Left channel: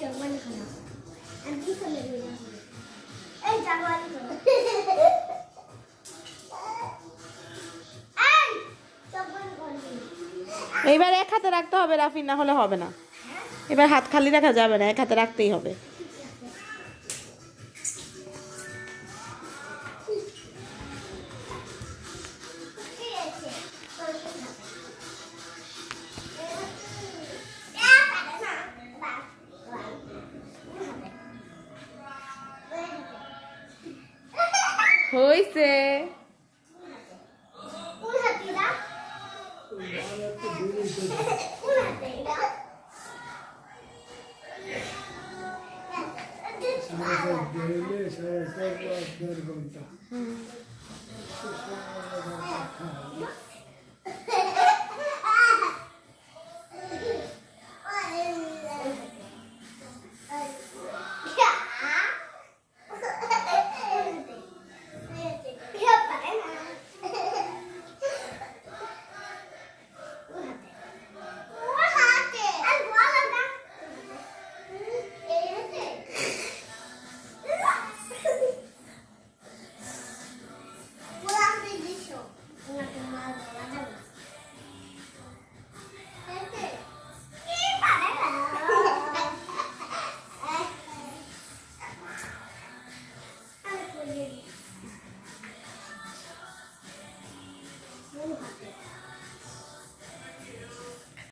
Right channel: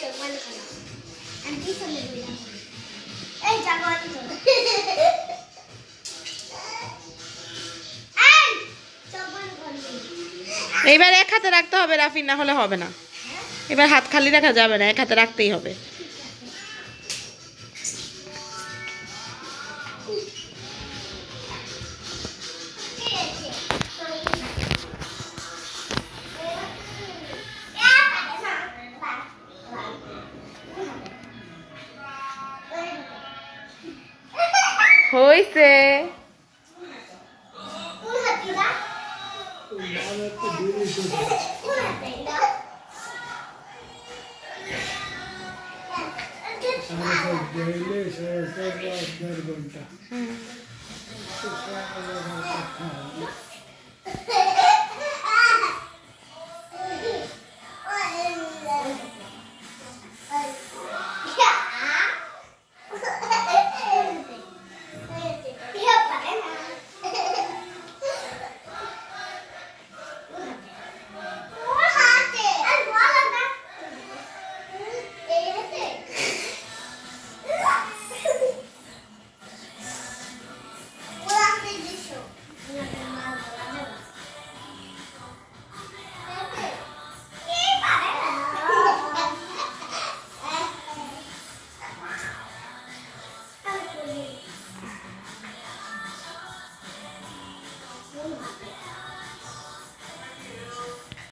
চোখ বন্ধ করো। আমি পিছনে বইলাম। এই চোখ বন্ধ করো। এই চোখ বন্ধ করো। এইবার এক হাতে রাখতে হবে রাফি, না হলে হবে না। এবার হাত খালি রাখা যাবে না, এক হাতে রাখতেই হবে। হইছে। Gracias.